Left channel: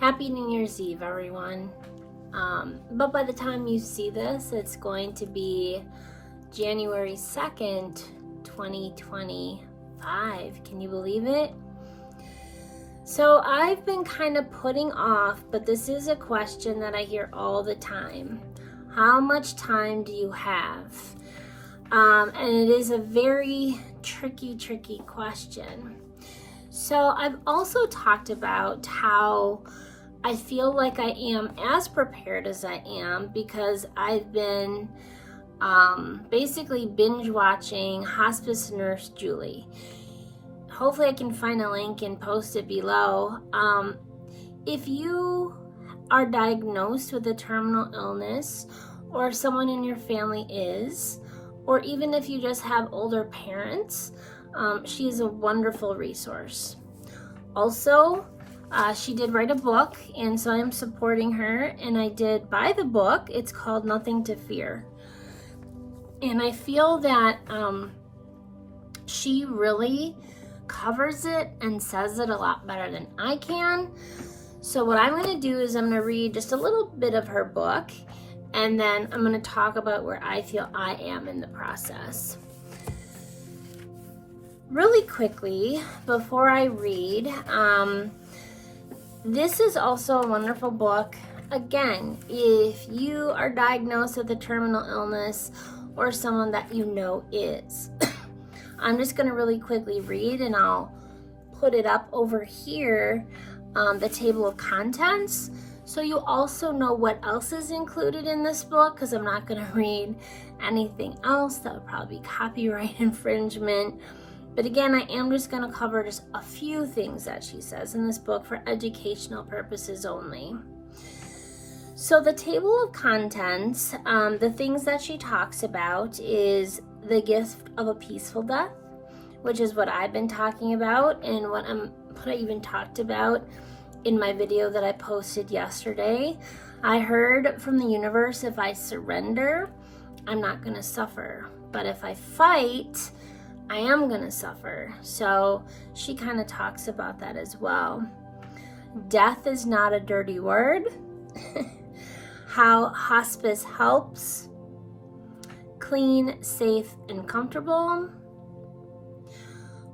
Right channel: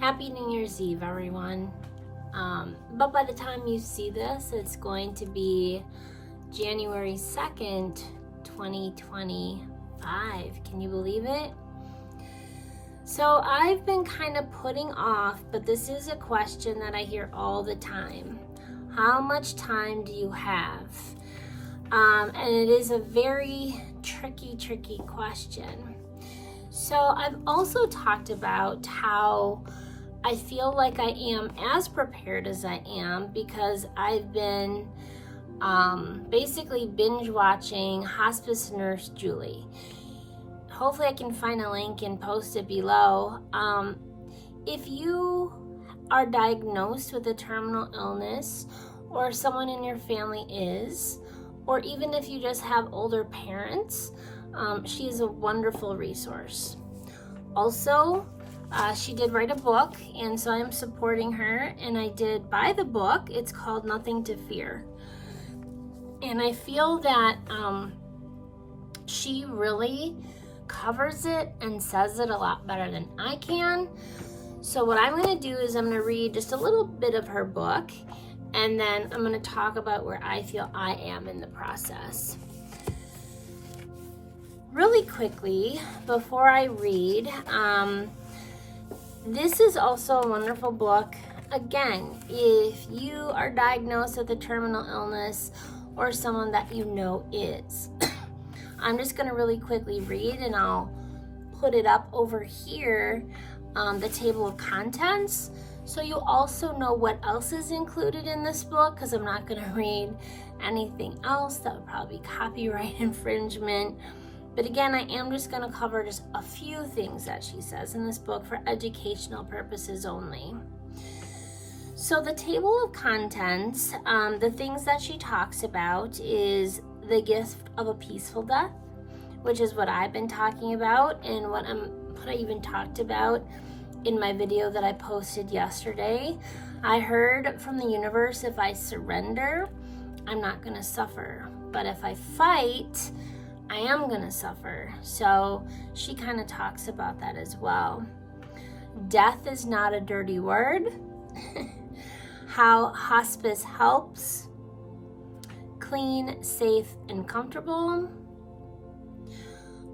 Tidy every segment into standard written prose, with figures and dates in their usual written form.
Happy New Year's Eve, everyone. But by the time you see this, it's going to be January 2nd, 2025. Can you believe it? So I've been kind of putting off, but this is a question that I hear all the time. How much time do you have? And it is a very tricky question. So I've also talked about how I feel like I am as prepared as I am because I've been basically binge watching Hospice Nurse Julie. Hopefully I can find a link and post it below. If you are diagnosed with a terminal illness, or someone in your family is, or even if you just have older parents, she is a wonderful resource. Also, she did write a book, and so I'm supporting her, and I did buy the book. It's called Nothing to Fear. And I feel that she really covers it and says it a lot better than I can. So what I'm going to do is I'm going to read just a little bit of her book, and then I'm going to talk about where I feel I am in the process. Really quickly, before I read, this is also a wonderful book. Again, if you are diagnosed with a terminal illness or someone that you know is. I'm just going to really quickly read, and I'll put it up over here, the table of contents, so you also know what else is included in this book, because I'm not going to read anything else. That would probably be copyright infringement. But again, I am just going to cover just a few things that she says in this book for educational purposes only. So the table of contents, the things that she talks about is the gift of a peaceful death, which is what I've been talking about and what I even talked about in my video that I posted yesterday. I heard from the universe, if I surrender, I'm not going to suffer. But if I fight, I am going to suffer. So she kind of talks about that as well. Death is not a dirty word. How hospice helps. Clean, safe, and comfortable.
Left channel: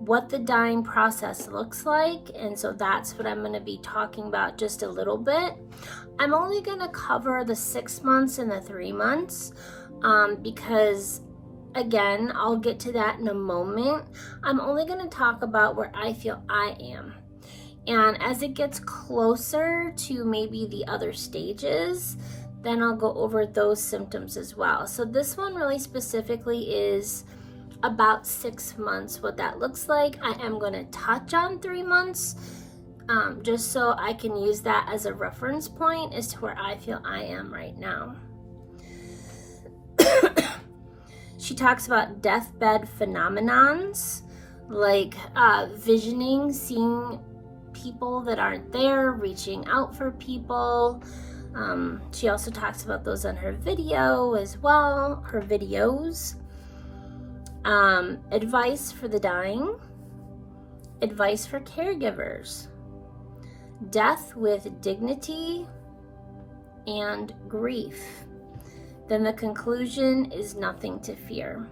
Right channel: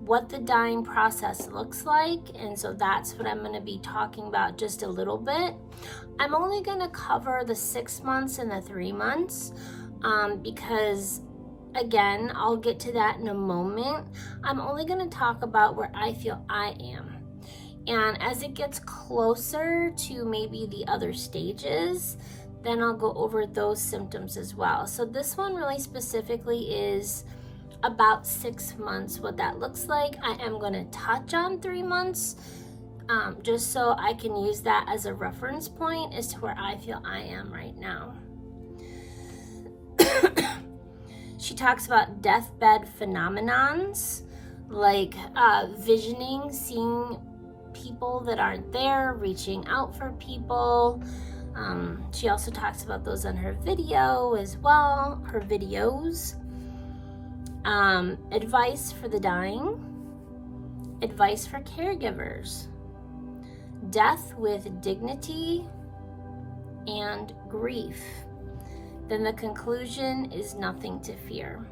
What the dying process looks like, and so that's what I'm going to be talking about just a little bit. I'm only going to cover the 6 months and the 3 months because, again, I'll get to that in a moment. I'm only going to talk about where I feel I am. And as it gets closer to maybe the other stages, then I'll go over those symptoms as well. So this one really specifically is about 6 months, what that looks like. I am going to touch on 3 months, just so I can use that as a reference point as to where I feel I am right now. She talks about deathbed phenomenons, like visioning, seeing people that aren't there, reaching out for people. She also talks about those on her video as well, her videos. Advice for the dying, advice for caregivers, death with dignity, and grief. Then the conclusion is nothing to fear.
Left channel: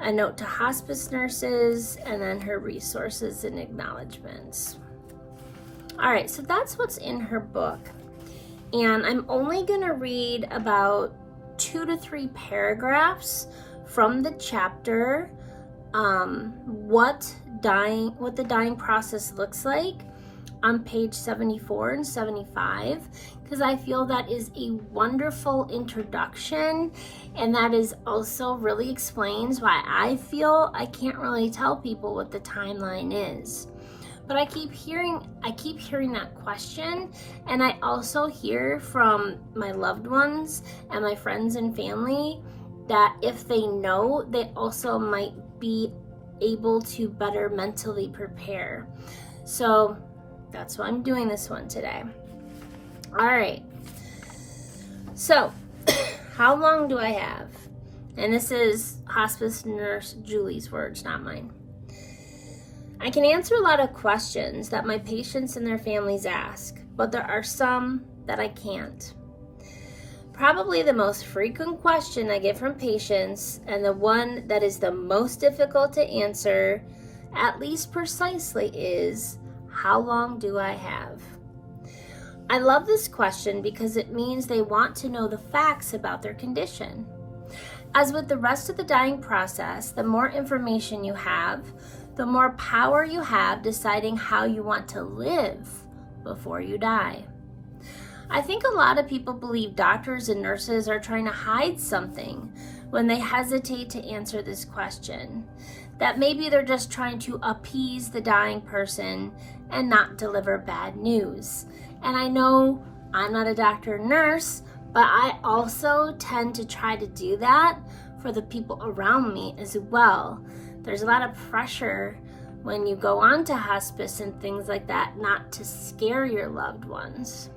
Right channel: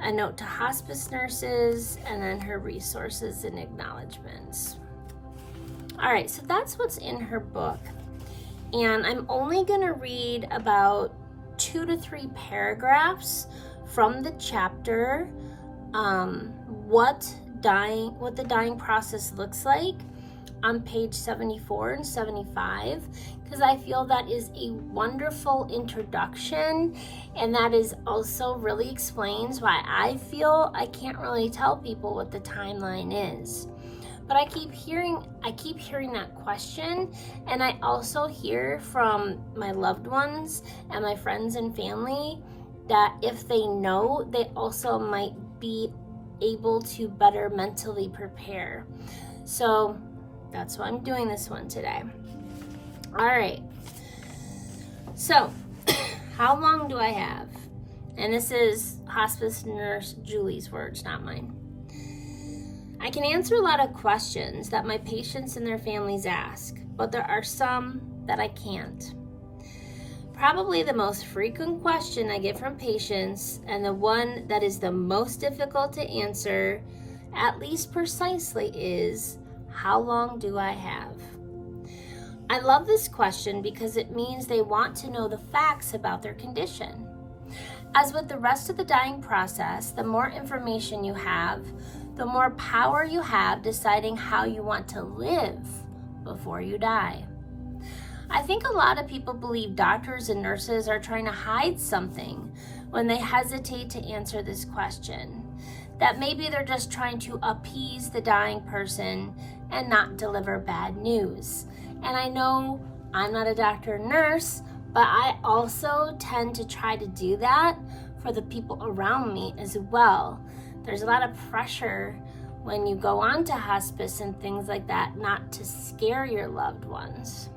A note to hospice nurses, and then her resources and acknowledgments. All right, so that's what's in her book. And I'm only going to read about 2 to 3 paragraphs from the chapter, what the dying process looks like on page 74 and 75, because I feel that is a wonderful introduction, and that is also really explains why I feel I can't really tell people what the timeline is. But I keep hearing that question, and I also hear from my loved ones and my friends and family that if they know, they also might be able to better mentally prepare. So that's why I'm doing this one today. All right. So how long do I have? And this is Hospice Nurse Julie's words, not mine. I can answer a lot of questions that my patients and their families ask. but there are some that I can't. Probably the most frequent question I get from patients, and the one that is the most difficult to answer, at least precisely, is, how long do I have? I love this question because it means they want to know the facts about their condition. As with the rest of the dying process, the more information you have, the more power you have deciding how you want to live before you die. I think a lot of people believe doctors and nurses are trying to hide something when they hesitate to answer this question. That maybe they're just trying to appease the dying person and not deliver bad news. And I know I'm not a doctor or nurse, but I also tend to try to do that for the people around me as well. There's a lot of pressure when you go on to hospice and things like that, not to scare your loved ones.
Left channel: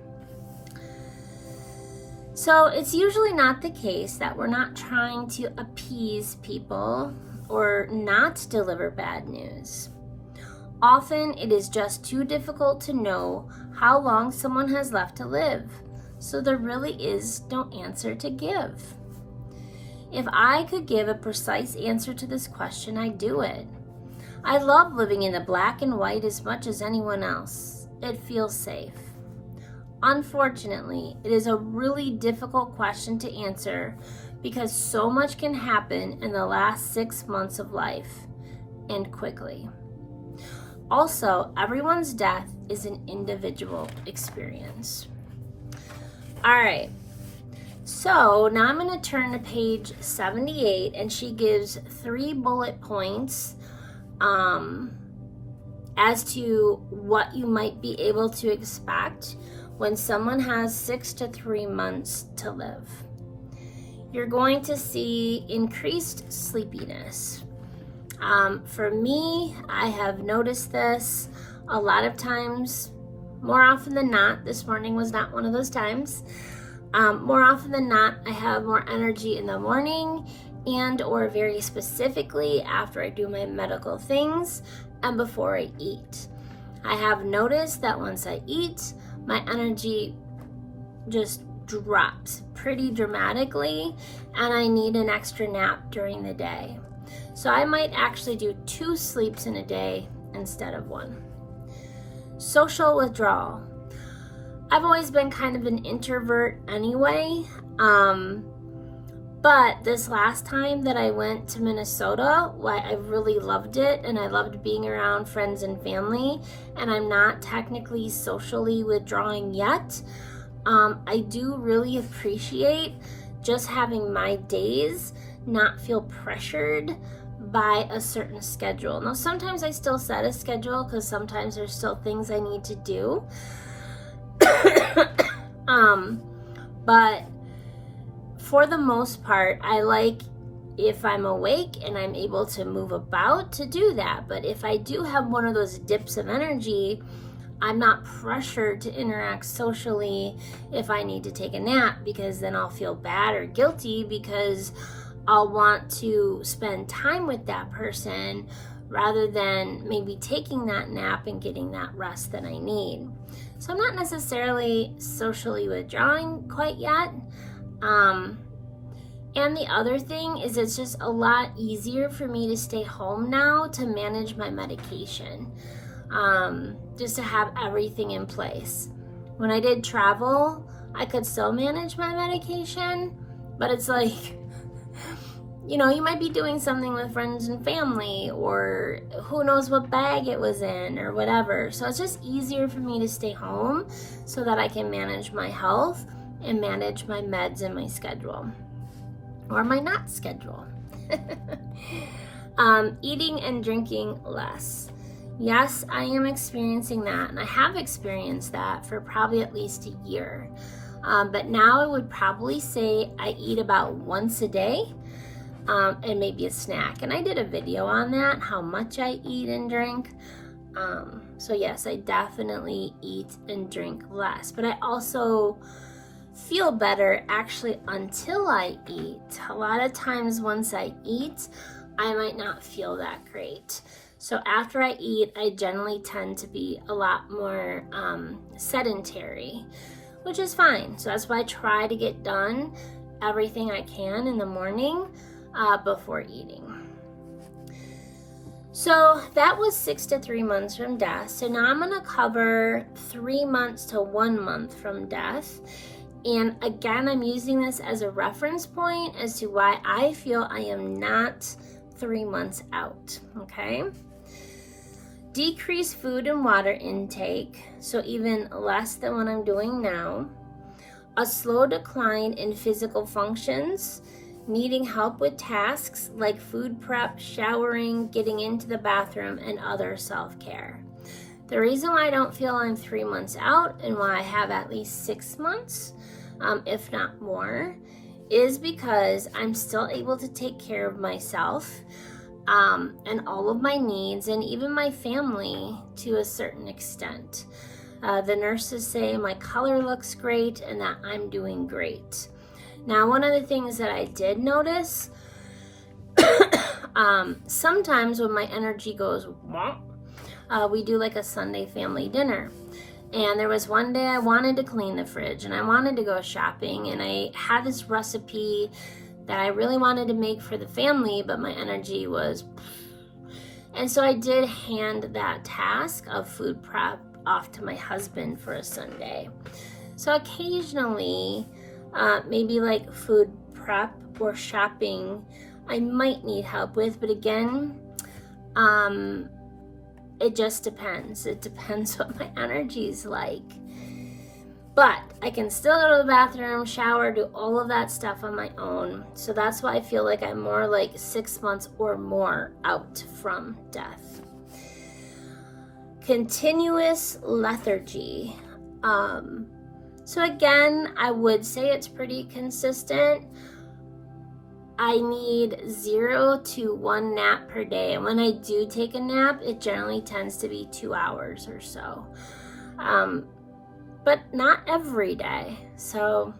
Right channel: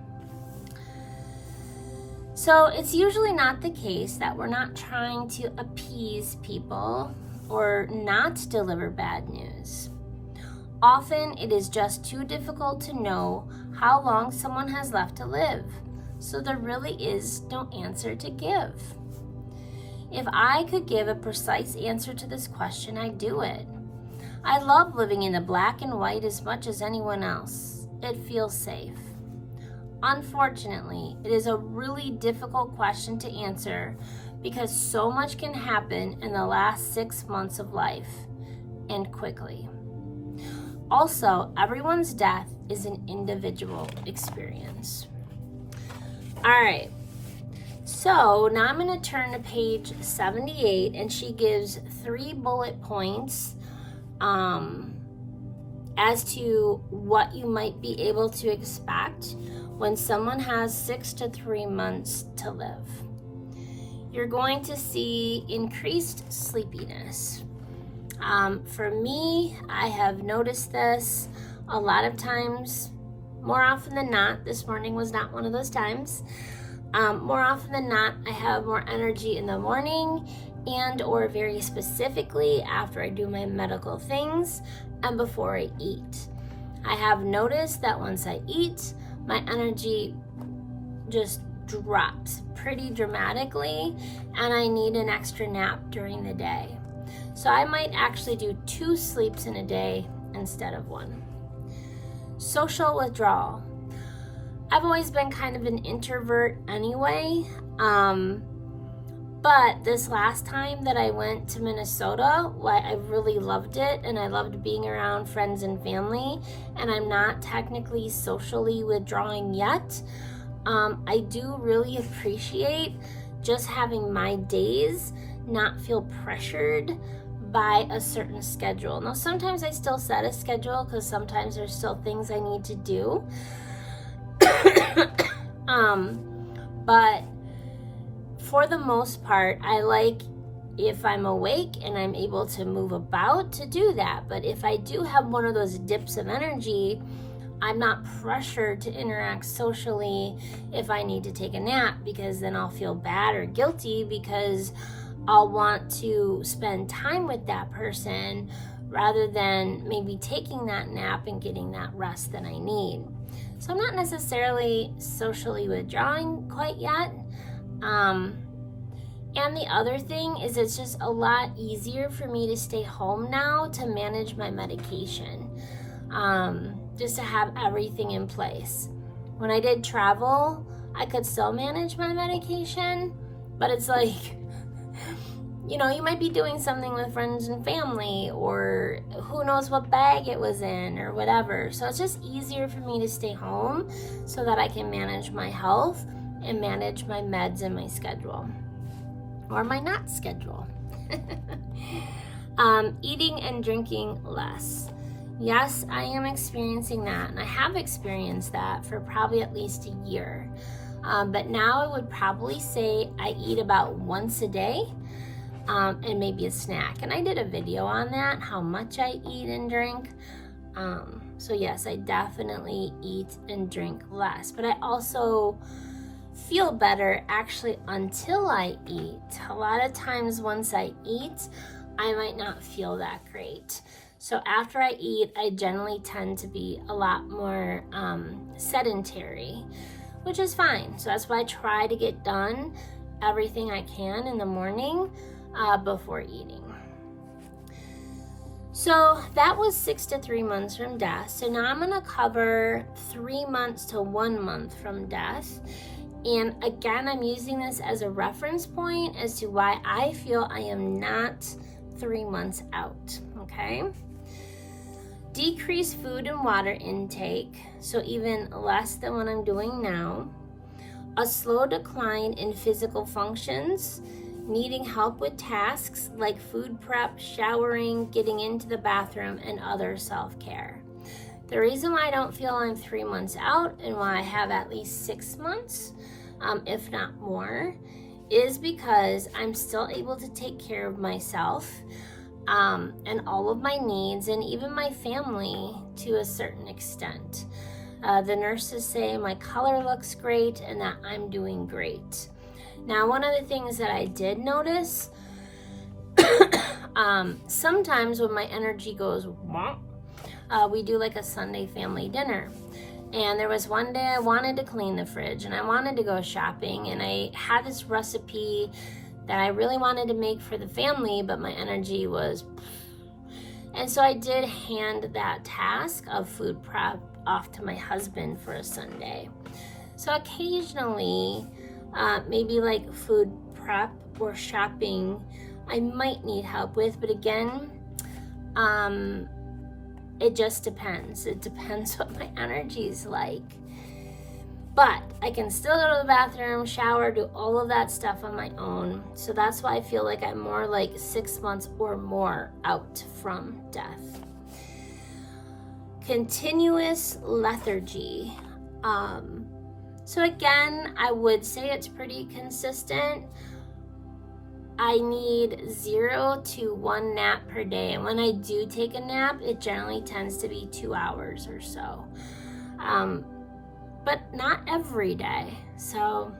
So it's usually not the case that we're not trying to appease people or not deliver bad news. Often it is just too difficult to know how long someone has left to live, so there really is no answer to give. If I could give a precise answer to this question, I'd do it. I love living in the black and white as much as anyone else. It feels safe. Unfortunately, it is a really difficult question to answer because so much can happen in the last 6 months of life, and quickly. Also, everyone's death is an individual experience. All right, so now I'm going to turn to page 78, and she gives 3 bullet points as to what you might be able to expect when someone has 6 to 3 months to live. You're going to see increased sleepiness. For me, I have noticed this a lot of times, more often than not. This morning was not one of those times. More often than not, I have more energy in the morning and or very specifically after I do my medical things and before I eat. I have noticed that once I eat, my energy just drops pretty dramatically and I need an extra nap during the day. So I might actually do 2 sleeps in a day instead of 1. Social withdrawal. I've always been kind of an introvert anyway, but this last time that I went to Minnesota, I really loved it, and I loved being around friends and family, and I'm not technically socially withdrawing yet. I do really appreciate just having my days not feel pressured by a certain schedule. Now, sometimes I still set a schedule because sometimes there's still things I need to do. But for the most part, I like if I'm awake and I'm able to move about to do that. But if I do have one of those dips of energy, I'm not pressured to interact socially if I need to take a nap, because then I'll feel bad or guilty because I'll want to spend time with that person rather than maybe taking that nap and getting that rest that I need. So I'm not necessarily socially withdrawing quite yet. And the other thing is it's just a lot easier for me to stay home now to manage my medication, just to have everything in place. When I did travel, I could still manage my medication, but it's like, you know, you might be doing something with friends and family, or who knows what bag it was in or whatever. So it's just easier for me to stay home so that I can manage my health and manage my meds and my schedule, or my not schedule. Eating and drinking less. Yes, I am experiencing that, and I have experienced that for probably at least a year. But now I would probably say I eat about once a day. And maybe a snack. And I did a video on that, how much I eat and drink. So yes, I definitely eat and drink less. But I also feel better actually until I eat. A lot of times once I eat, I might not feel that great. So after I eat, I generally tend to be a lot more sedentary, which is fine. So that's why I try to get done everything I can in the morning before eating. So that was 6 to 3 months from death. So now I'm going to cover 3 months to 1 month from death. And again, I'm using this as a reference point as to why I feel I am not 3 months out, okay? Decrease food and water intake, so even less than what I'm doing now. A slow decline in physical functions, needing help with tasks like food prep, showering, getting into the bathroom, and other self-care. The reason why I don't feel I'm 3 months out and why I have at least 6 months, if not more, is because I'm still able to take care of myself and all of my needs and even my family to a certain extent. The nurses say my color looks great and that I'm doing great. Now, one of the things that I did notice, sometimes when my energy goes, we do like a Sunday family dinner. And there was one day I wanted to clean the fridge and I wanted to go shopping, and I had this recipe that I really wanted to make for the family, but my energy was, and so I did hand that task of food prep off to my husband for a Sunday. So occasionally, maybe like food prep or shopping, I might need help with, but again, it just depends. It depends what my energy is like. But I can still go to the bathroom, shower, do all of that stuff on my own. So that's why I feel like I'm more like 6 months or more out from death. Continuous lethargy. So again, I would say it's pretty consistent. I need 0 to 1 nap per day. And when I do take a nap, it generally tends to be 2 hours or so. But not every day. So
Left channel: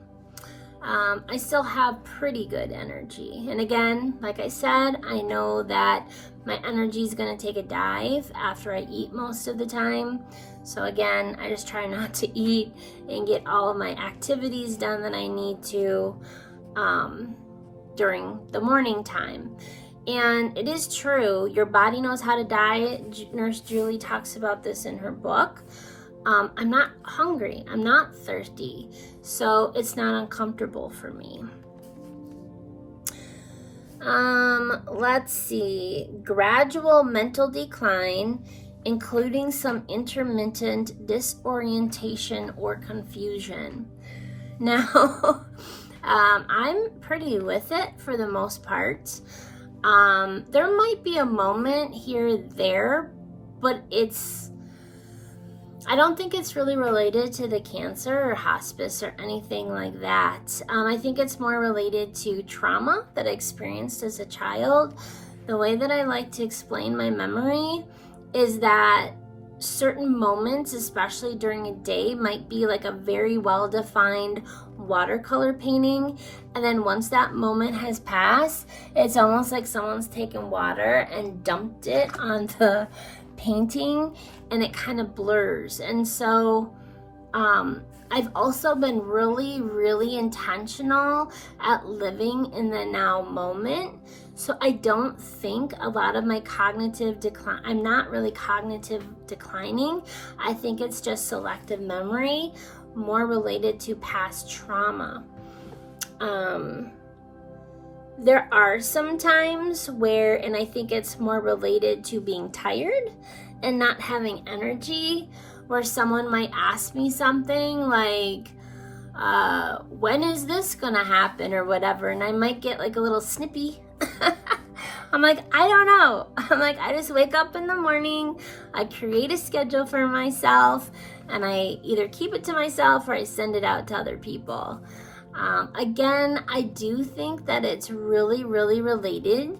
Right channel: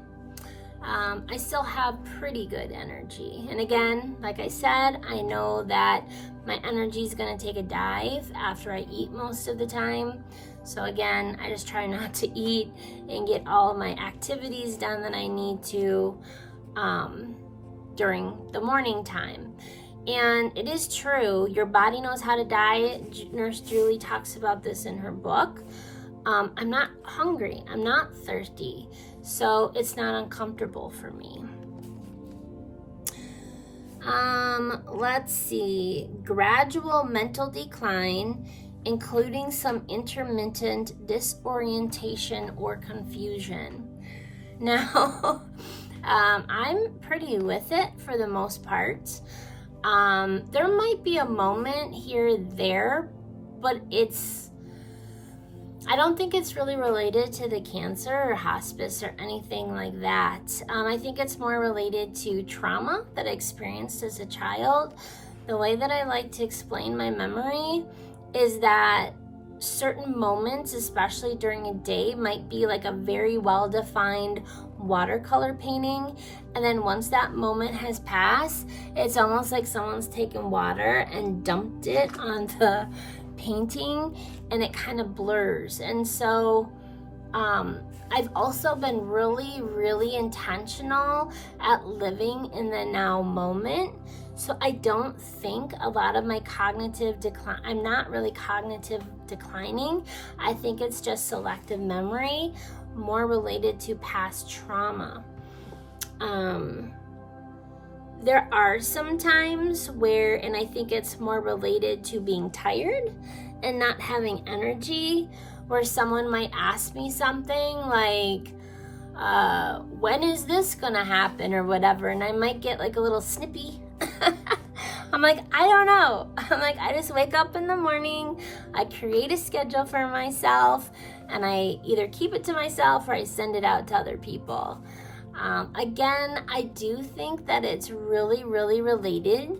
I still have pretty good energy. And again, like I said, I know that my energy is going to take a dive after I eat most of the time. So again, I just try not to eat and get all of my activities done that I need to during the morning time. And it is true, your body knows how to diet. Nurse Julie talks about this in her book. I'm not hungry, I'm not thirsty, so it's not uncomfortable for me. Let's see, gradual mental decline, including some intermittent disorientation or confusion. Now, I'm pretty with it for the most part. There might be a moment here or there, but I don't think it's really related to the cancer or hospice or anything like that. I think it's more related to trauma that I experienced as a child. The way that I like to explain my memory is that certain moments, especially during a day, might be like a very well-defined watercolor painting, and then once that moment has passed, it's almost like someone's taken water and dumped it on the painting and it kind of blurs. And so I've also been really, really intentional at living in the now moment. So I don't think a lot of my cognitive decline, I'm not really cognitive declining. I think it's just selective memory, more related to past trauma. There are some times where, and I think it's more related to being tired and not having energy, where someone might ask me something like, when is this gonna happen or whatever, and I might get like a little snippy. I'm like, I don't know. I'm like, I just wake up in the morning, I create a schedule for myself, and I either keep it to myself or I send it out to other people. Again, I do think that it's really, really related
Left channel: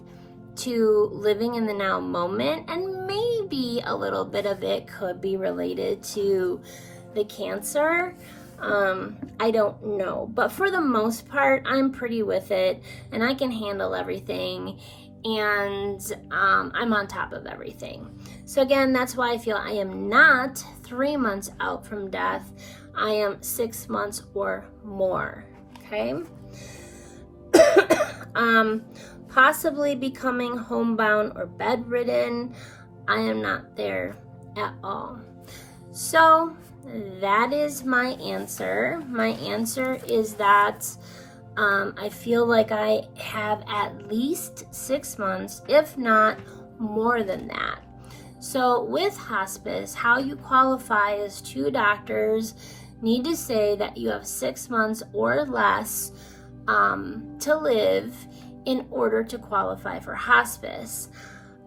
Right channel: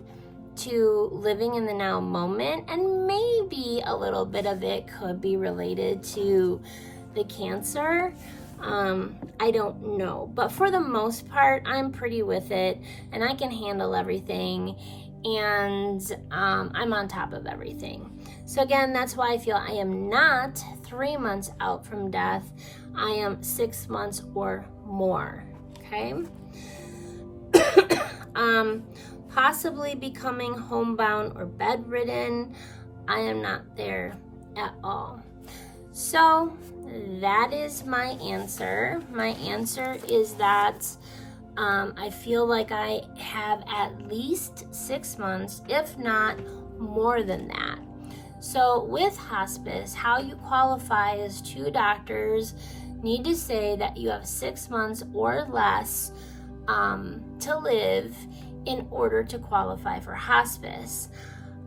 to living in the now moment, and maybe a little bit of it could be related to the cancer. I don't know, but for the most part, I'm pretty with it and I can handle everything. and I'm on top of everything. So again, that's why I feel I am not 3 months out from death. I am 6 months or more. Okay. Possibly becoming homebound or bedridden. I am not there at all. So that is my answer. My answer is that I feel like I have at least 6 months, if not more than that. So with hospice, how you qualify is 2 doctors need to say that you have 6 months or less to live in order to qualify for hospice.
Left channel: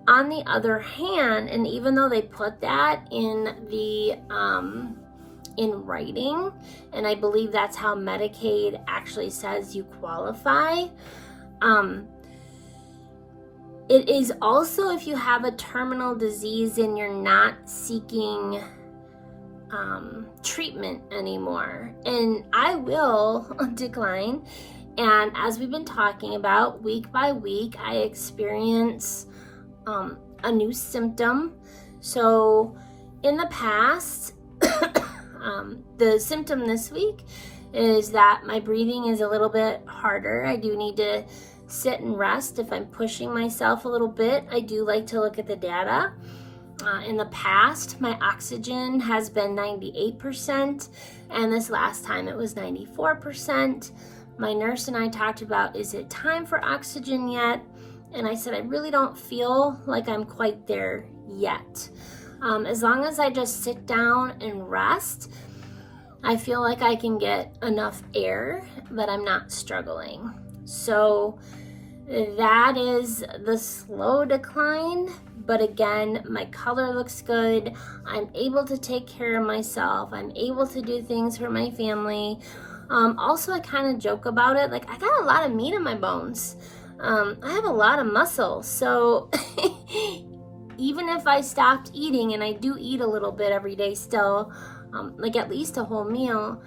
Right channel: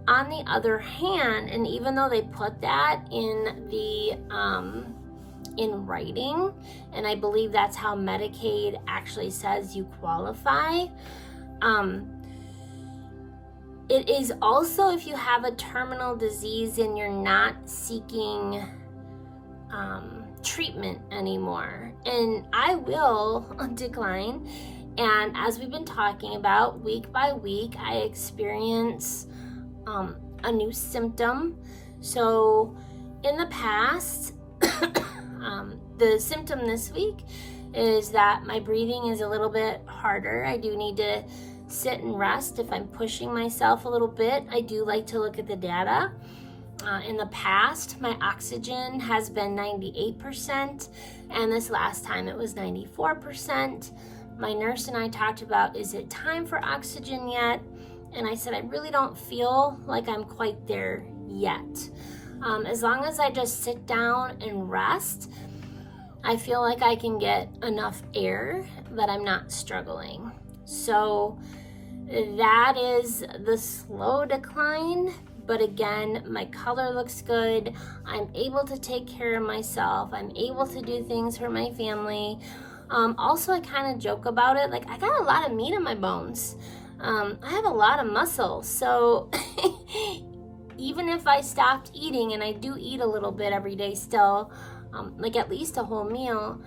On the other hand, and even though they put that in the in writing, and I believe that's how Medicaid actually says you qualify, it is also if you have a terminal disease and you're not seeking treatment anymore. And I will decline. And as we've been talking about, week by week, I experience a new symptom. So in the past, the symptom this week is that my breathing is a little bit harder. I do need to sit and rest. If I'm pushing myself a little bit, I do like to look at the data. In the past, my oxygen has been 98%, and this last time it was 94%. My nurse and I talked about, is it time for oxygen yet? And I said, I really don't feel like I'm quite there yet. As long as I just sit down and rest, I feel like I can get enough air that I'm not struggling. So that is the slow decline. But again, my color looks good. I'm able to take care of myself. I'm able to do things for my family. Also, I kind of joke about it. Like, I got a lot of meat in my bones. I have a lot of muscle. So even if I stopped eating, and I do eat a little bit every day still, like at least a whole meal,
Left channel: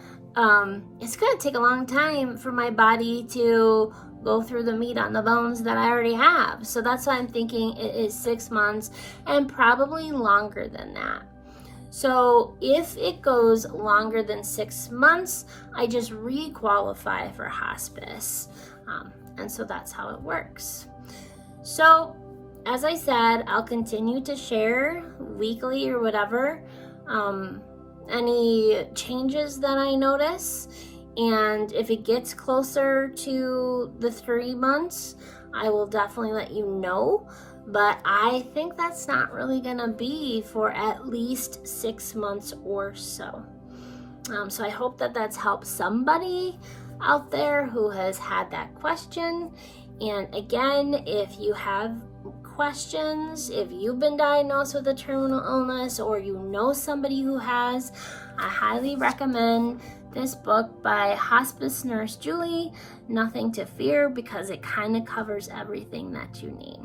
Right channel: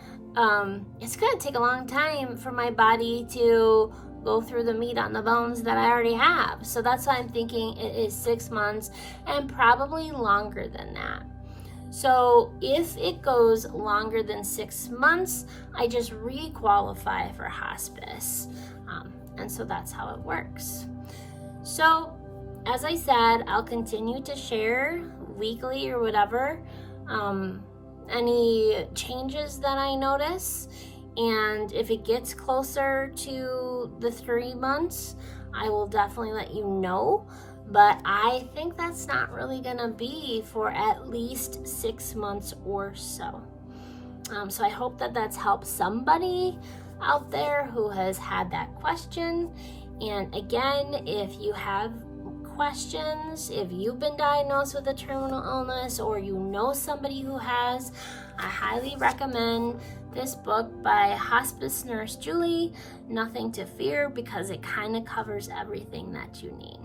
it's going to take a long time for my body to go through the meat on the bones that I already have. So that's why I'm thinking it is 6 months and probably longer than that. So if it goes longer than 6 months, I just re-qualify for hospice. And so that's how it works. So as I said, I'll continue to share weekly or whatever, any changes that I notice. And if it gets closer to the 3 months, I will definitely let you know. But I think that's not really going to be for at least 6 months or so. So I hope that that's helped somebody out there who has had that question. And again, if you have questions, if you've been diagnosed with a terminal illness or you know somebody who has, I highly recommend this book by hospice nurse Julie, Nothing to Fear, because it kind of covers everything that you need.